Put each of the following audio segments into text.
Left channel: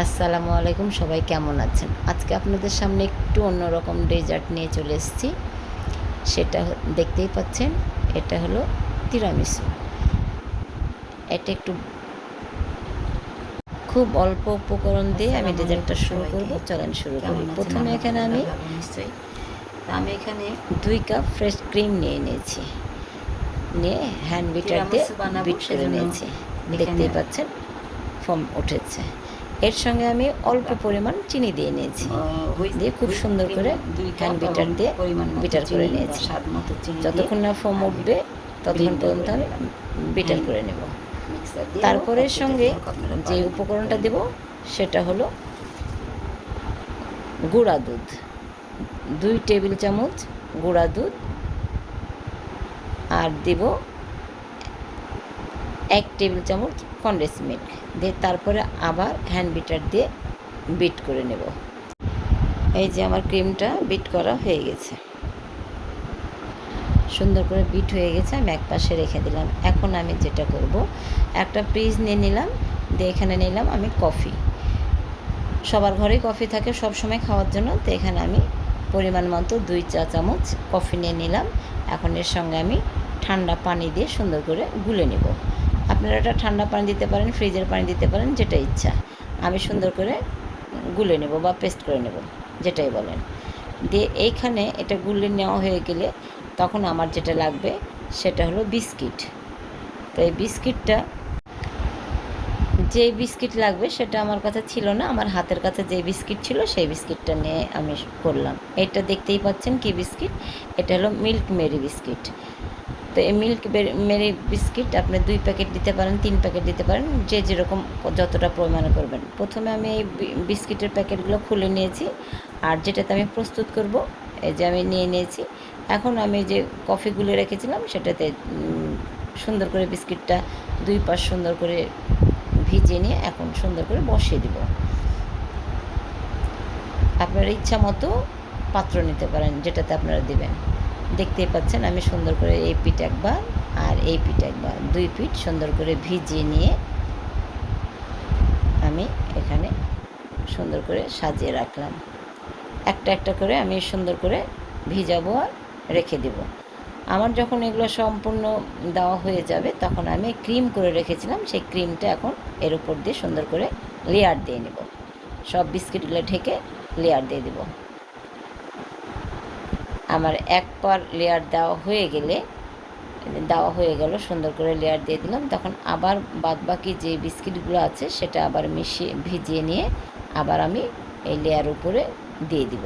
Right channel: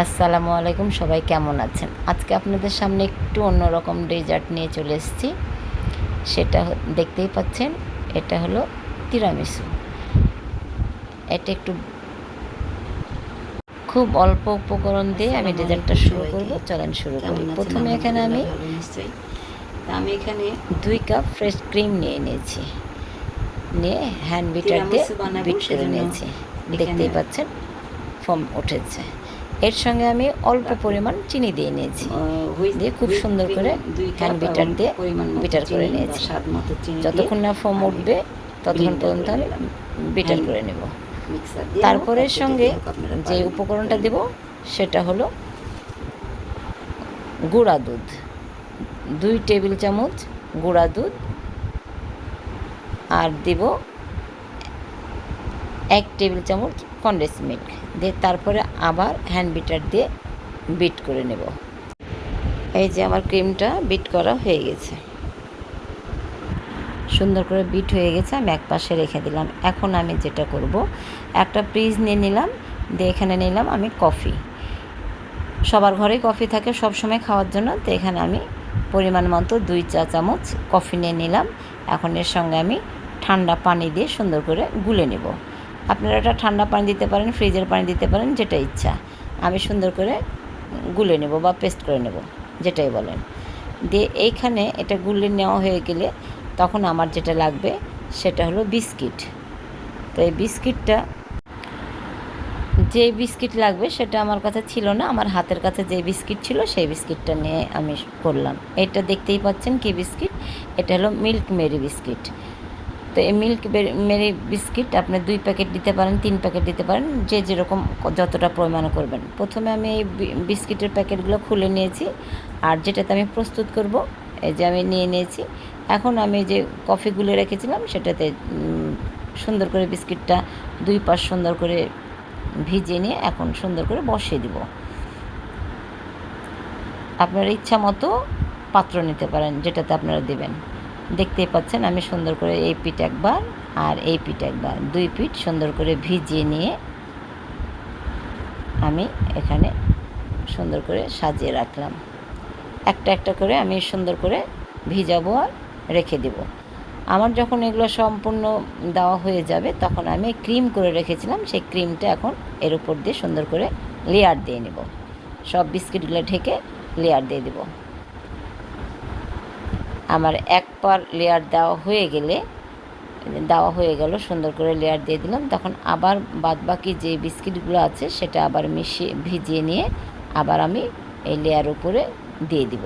আসসালামু আলাইকুম, সবাই কেমন আছেন? আজকে আপনাদের সামনে একটু অন্যরকম ডেজার্ট নিয়ে চলে এসেছি। সেটা দেখতেই পাচ্ছেন, এটা হলো তিরামিসু। এটা একটু খুব অল্প উপকরণ দিয়ে আমি ডেজার্টটা শুরু করব। চলেন শুরু করি। প্রথমে এখানে আমি আমি এখানে 2 কাপ ফ্রেশ ক্রিম নিয়ে নিয়েছি। নিয়ে হ্যান্ড বিটার দিয়ে বিট করে নিয়েছি। দেখতেই পাচ্ছেন ফোম উঠেছে। এর সঙ্গে আমি অল্প পরিমাণ চিনি দিয়ে নিয়েছি, দিয়ে খুব সুন্দর করে হ্যান্ড বিটার দিয়ে বিটার করে নিয়েছি। যতক্ষণ না ফোম উঠবে ততক্ষণ পর্যন্ত আমি বিটার করে নেব। তারপরে সঙ্গে যে উপকরণটা দেব সেটা হলো গুঁড়া দুধ, 2 টেবিল চামচ গুঁড়া দুধ, আর দেব 1 টেবিল চামচ কনডেন্স মিল্ক দিয়ে তারপরে আবার হ্যান্ড বিটার দিয়ে বিট করে নেব। এই যে আমার ক্রিমটা বিট করা হয়ে গেছে, সুন্দর করে বিট হয়ে গেছে। আমি এক পাশে রেখে দিলাম। এখন আমি যেটা করব, একটা ফ্রিজ নিয়ে নিলাম, দিয়ে এখানে নিলাম আমি কফি। সবার ঘরেই কফি থাকে সব সময় খাওয়ার জন্য, তো এখানে আমি পরিমাণ মতো 2 চা চামচ কফি নিয়ে নিলাম। এখন এর সঙ্গে আমি ঠান্ডা পানি দিয়ে সুন্দর করে গুলে নেব। আপনারা এটা ঠান্ডা পানি দিতে পারেন, ফ্রিজের পানি দিতে পারেন, যেটা ইচ্ছা। আমি সুন্দর করে গুলে নেব বা পেস্ট করে নেব, যেটাই বলেন। দিয়ে এইখানে এটা গুলে নেওয়া হয়ে গেলে তখন আমার যেটা লাগবে সেটা হলো বিস্কিট। তো এই বিস্কিটটা, যে বিস্কিট লাগবে সেটা আমার কাছে ছিল না, আমার হাতের কাছে যে বিস্কিট ছিল সেই বিস্কিটটা নিয়ে আমি করলাম। এটা দেখতেই পাচ্ছেন কি বিস্কিট, এটা হলো মিল্ক মেরি বিস্কিট। তো এই মিল্ক মেরি বিস্কিট আপনি 2 প্যাকেট দিতে পারেন, 3 প্যাকেট দিতে পারেন, যে যেরকম যতটা পরিমাণে করবেন। প্রথমে আমি এই বিস্কিটের প্যাকেটগুলো খুলে নিয়েছি, আর যেটাতে আমি প্রস্তুত করব এই যে আমি নিয়ে নিয়েছি। এখন আমি যে কফিগুলো রেখেছিলাম সেটাতে সুন্দর করে বিস্কিটটা 2 পাশ সুন্দর করে ভিজিয়ে নিয়ে এখন সুন্দর করে বসিয়ে দিব। আপনার ইচ্ছা মতো পাত্র নিতে পারেন যেটাতে আপনারা দেবেন। দেখতেই পাচ্ছেন আমি সুন্দর করে এই পিঠ একবার আর এই পিঠ একবার, 2 পিঠ সুন্দর করে ভিজিয়ে নিয়ে আমি এখানে সুন্দর করে সাজিয়ে রাখলাম। একটা একটা করে আমি সুন্দর করে ভিজাবো আর রেখে দেব। আমার যখন এগুলো সম্পূর্ণ দেওয়া হয়ে যাবে তখন আমি ক্রিম করে রেখেছিলাম, সেই ক্রিমটা এখন এর উপর দিয়ে সুন্দর করে লেয়ার দিয়ে নেব। সব বিস্কিটগুলো ঢেকে লেয়ার দিয়ে দেব। আমার এক পার লেয়ার দেওয়া হয়ে গেল, সুন্দর করে লেয়ার দিয়ে দিলাম। তখন আবার বাদবাকি যে বিস্কিটগুলো আছে সেটা আবার ভিজিয়ে নিয়ে আবার আমি এই লেয়ার উপরে দিয়ে দিব।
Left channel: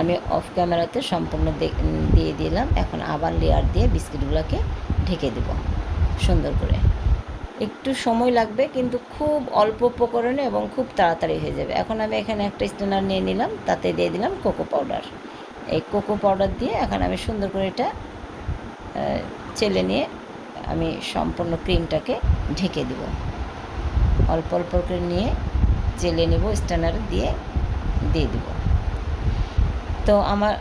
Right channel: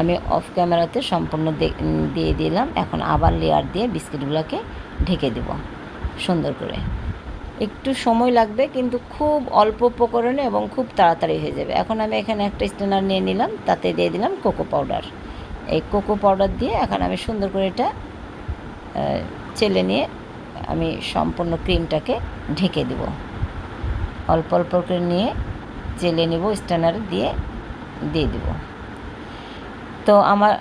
আমি অফ ক্যামেরাতে সম্পূর্ণ দিয়ে দিলাম। এখন আবার লেয়ার দিয়ে বিস্কিটগুলোকে ঢেকে দেব সুন্দর করে। একটু সময় লাগবে কিন্তু খুব অল্প উপকরণে এবং খুব তাড়াতাড়ি হয়ে যাবে। এখন আমি এখানে একটা স্ট্যানার নিয়ে নিলাম, তাতে দিয়ে দিলাম কোকো পাউডার। এই কোকো পাউডার দিয়ে এখন আমি সুন্দর করে এটা চেলে নিয়ে আমি সম্পূর্ণ ক্রিমটাকে ঢেকে দেব। অল্প অল্প করে নিয়ে চেলে নেব, স্ট্যানারে দিয়ে দেব। তো আমার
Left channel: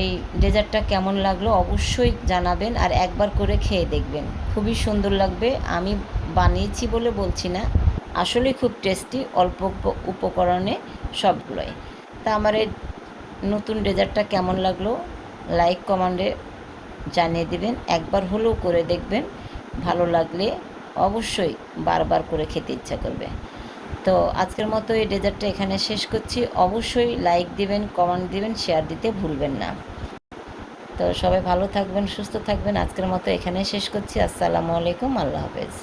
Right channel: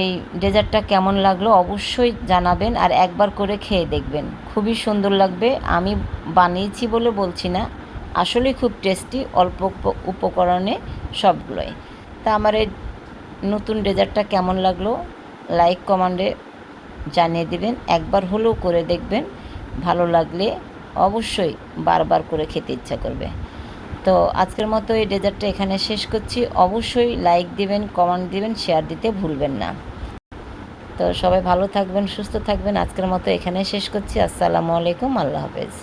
এই ডেজার্টটা কেমন লাগলো অবশ্যই জানাবেন, আর একবার করে খেয়ে দেখবেন, খুবই সুন্দর লাগবে। আমি বানিয়েছি বলে বলছি না, আসলে খুব টেস্টি, অল্প উপকরণে সবগুলোই। তা আমার এই নতুন ডেজার্টটা কেমন লাগলো লাইক কমেন্টে জানিয়ে দিবেন। একবার হলেও করে দেখবেন, ভালো লাগলে অবশ্যই বারবার করে খেতে ইচ্ছা করবে। তো আজকের মতো এই ডেজার্টটা এখানে শেষ করছি। অবশ্যই লাইক দিবেন, কমেন্ট দিবেন, শেয়ার দিতে ভুলবেন না। তো সবাই ভালো থাকবেন, সুস্থ থাকবেন। আজকের মতো এখানে শেষ করছি। আসসালামু আলাইকুম, আল্লাহ হাফেজ।